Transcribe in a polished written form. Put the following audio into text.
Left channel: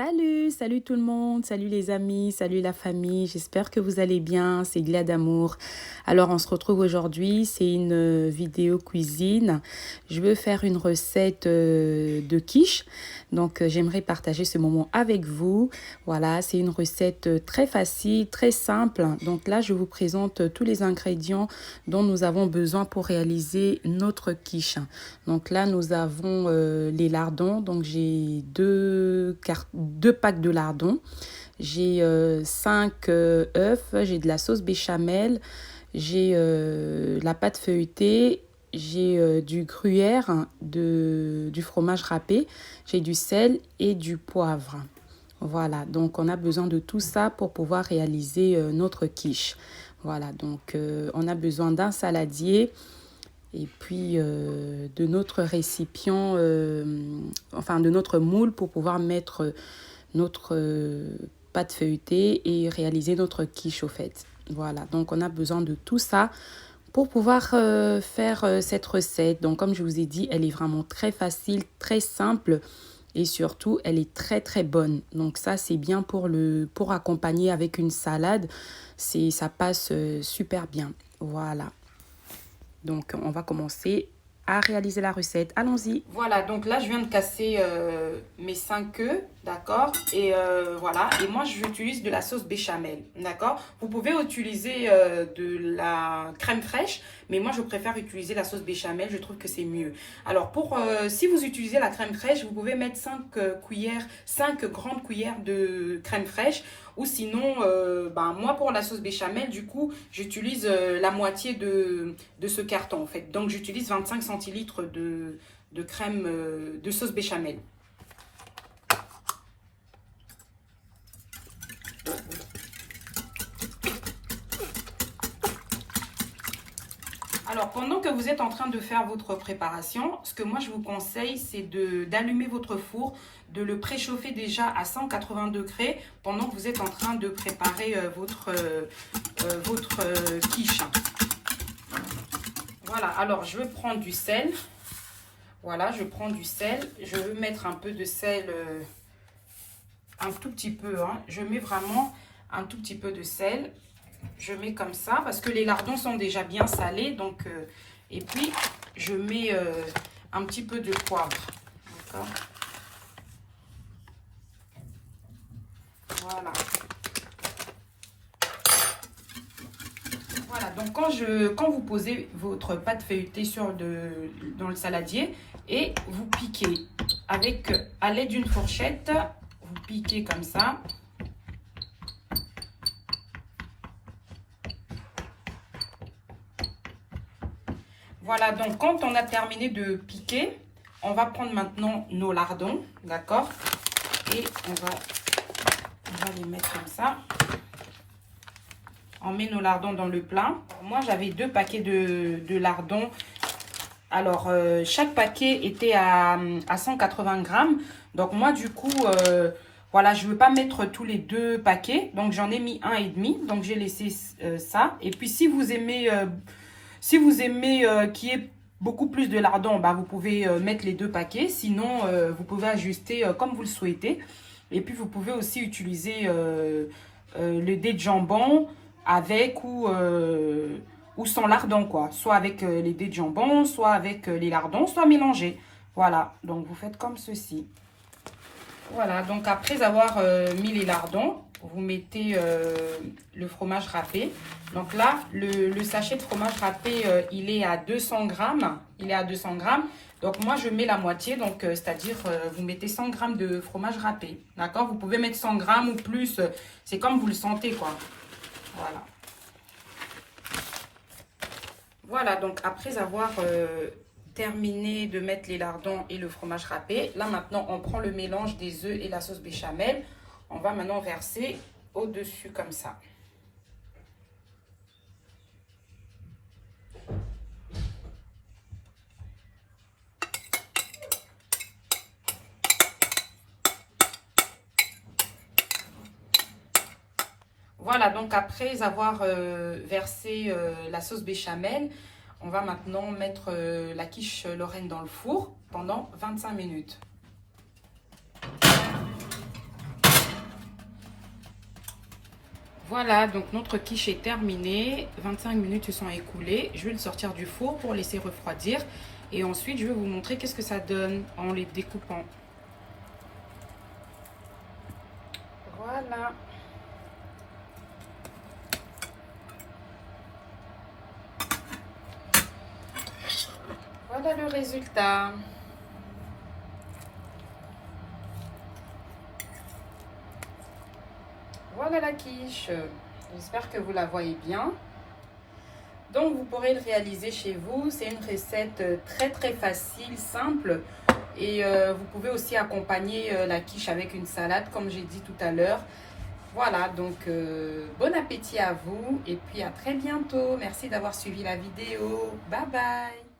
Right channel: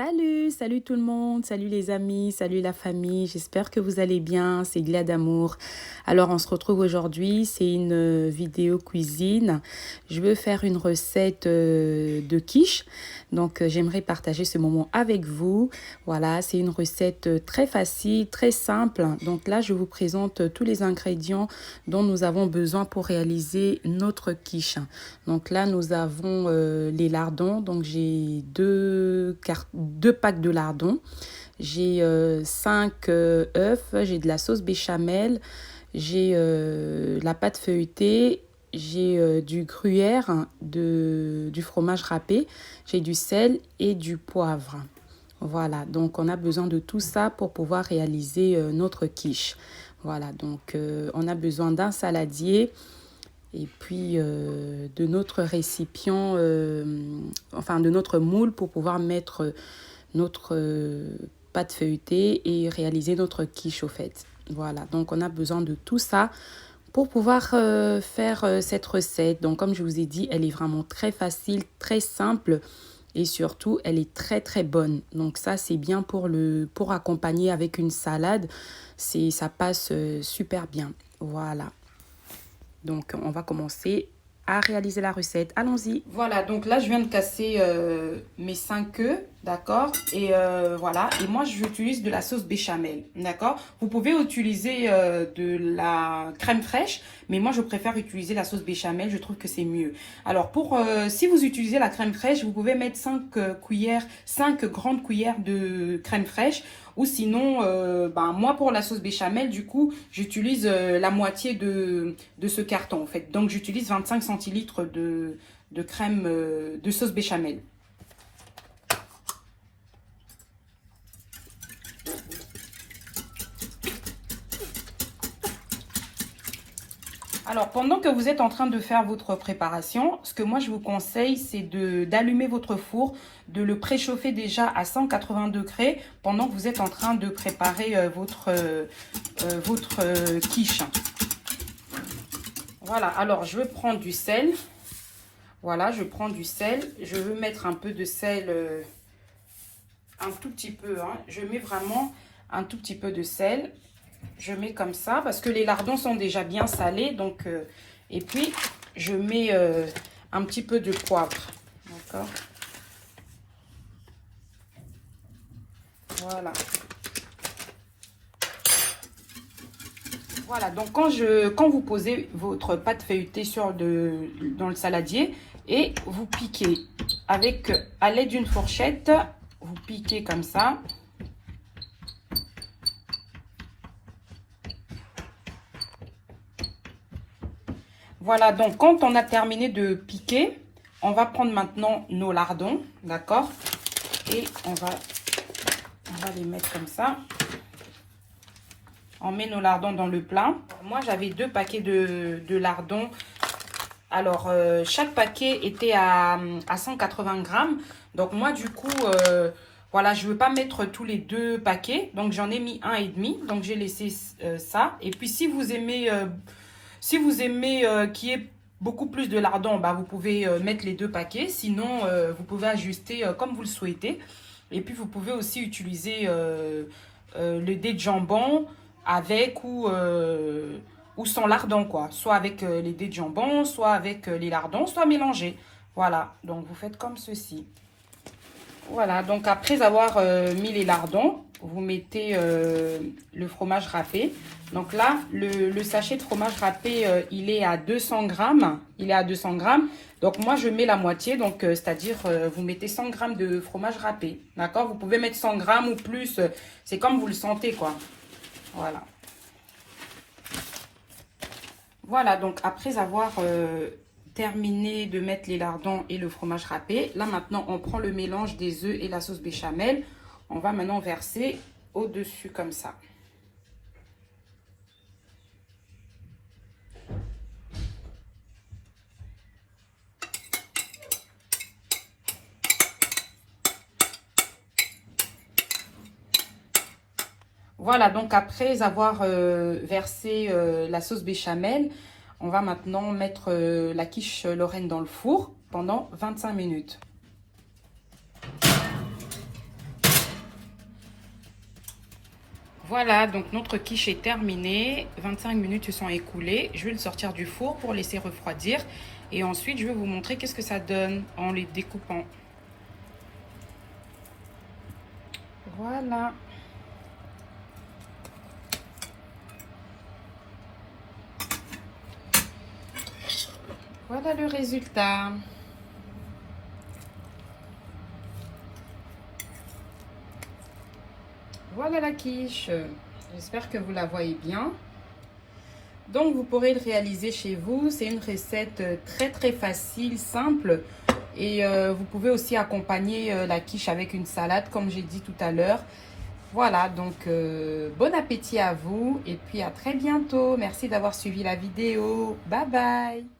Salut tout le monde, salut les amis, salut la famille, j'espère que vous allez bien, c'est Glia d'amour. Alors on se retrouve aujourd'hui, c'est une vidéo cuisine. Je veux faire une recette de quiche, donc j'aimerais partager ce moment avec vous. Voilà, c'est une recette très facile, très simple. Donc là, je vous présente tous les ingrédients dont nous avons besoin pour réaliser notre quiche. Donc là, nous avons les lardons, donc j'ai deux packs de lardons. J'ai 5 œufs, j'ai de la sauce béchamel, j'ai la pâte feuilletée, j'ai du gruyère, du fromage râpé, j'ai du sel et du poivre. Voilà, donc on a besoin de tout ça pour pouvoir réaliser notre quiche. Voilà, donc on a besoin d'un saladier et puis de notre récipient, enfin de notre moule pour pouvoir mettre notre pâte feuilletée et réaliser notre quiche au fait. Voilà, donc on a besoin de tout ça pour pouvoir faire cette recette. Donc comme je vous ai dit, elle est vraiment très facile, très simple et surtout elle est très très bonne. Donc ça c'est bien pour accompagner avec une salade, ça passe super bien. Voilà. Donc on va commencer à réaliser la recette. Allons-y. Voilà, donc là je viens de casser mes 5 œufs, d'accord. Et voilà, et moi j'utilise de la sauce béchamel, d'accord. Vous pouvez utiliser de la crème fraîche, mais moi je préfère utiliser la sauce béchamel, je trouve que c'est mieux. Alors si vous utilisez la crème fraîche, vous pouvez mettre 5 grandes cuillères de crème fraîche. Ou sinon, moi pour la sauce béchamel, du coup, j'utilise la moitié de ce carton en fait. Donc j'utilise 25 centilitres de crème de sauce béchamel. Alors, pendant que vous êtes en train de faire votre préparation, ce que moi je vous conseille, c'est d'allumer votre four, de le préchauffer déjà à 180 degrés pendant que vous êtes en train de préparer votre quiche. Voilà, alors je vais prendre du sel. Voilà, je prends du sel. Je veux mettre un peu de sel, un tout petit peu. Hein. Je mets vraiment un tout petit peu de sel. Je mets comme ça parce que les lardons sont déjà bien salés. Donc, et puis, je mets un petit peu de poivre. D'accord. Voilà. Voilà, donc quand vous posez votre pâte feuilletée dans le saladier et vous piquez à l'aide d'une fourchette, vous piquez comme ça. Voilà, donc quand on a terminé de piquer, on va prendre maintenant nos lardons, d'accord? Et on va les mettre comme ça. On met nos lardons dans le plat. Moi, j'avais 2 paquets de lardons. Alors, chaque paquet était à 180 grammes. Donc, moi, du coup, voilà, je ne veux pas mettre tous les 2 paquets. Donc, j'en ai mis 1,5. Donc, j'ai laissé ça. Et puis, si vous aimez qu'il y ait beaucoup plus de lardons, bah, vous pouvez mettre les 2 paquets. Sinon, vous pouvez ajuster comme vous le souhaitez. Et puis, vous pouvez aussi utiliser le dés de jambon avec ou sans lardons, quoi. Soit avec les dés de jambon, soit avec les lardons, soit mélangés. Voilà, donc vous faites comme ceci. Voilà, donc après avoir mis les lardons, vous mettez le fromage râpé. Donc là, le sachet de fromage râpé, il est à 200 grammes. Il est à 200 grammes. Donc moi, je mets la moitié. Donc, c'est-à-dire, vous mettez 100 grammes de fromage râpé. D'accord? Vous pouvez mettre 100 grammes ou plus. C'est comme vous le sentez, quoi. Voilà. Voilà, donc après avoir terminé de mettre les lardons et le fromage râpé, là maintenant on prend le mélange des œufs et la sauce béchamel. On va maintenant verser au-dessus comme ça. Voilà, donc après avoir versé la sauce béchamel, on va maintenant mettre la quiche Lorraine dans le four pendant 25 minutes. Voilà, donc notre quiche est terminée. 25 minutes se sont écoulées. Je vais le sortir du four pour laisser refroidir. Et ensuite, je vais vous montrer qu'est-ce que ça donne en les découpant. Voilà. Voilà le résultat. Voilà la quiche. J'espère que vous la voyez bien. Donc vous pourrez le réaliser chez vous. C'est une recette très facile, simple. Et vous pouvez aussi accompagner la quiche avec une salade comme j'ai dit tout à l'heure. Voilà, donc bon appétit à vous et puis à très bientôt. Merci d'avoir suivi la vidéo. Bye bye.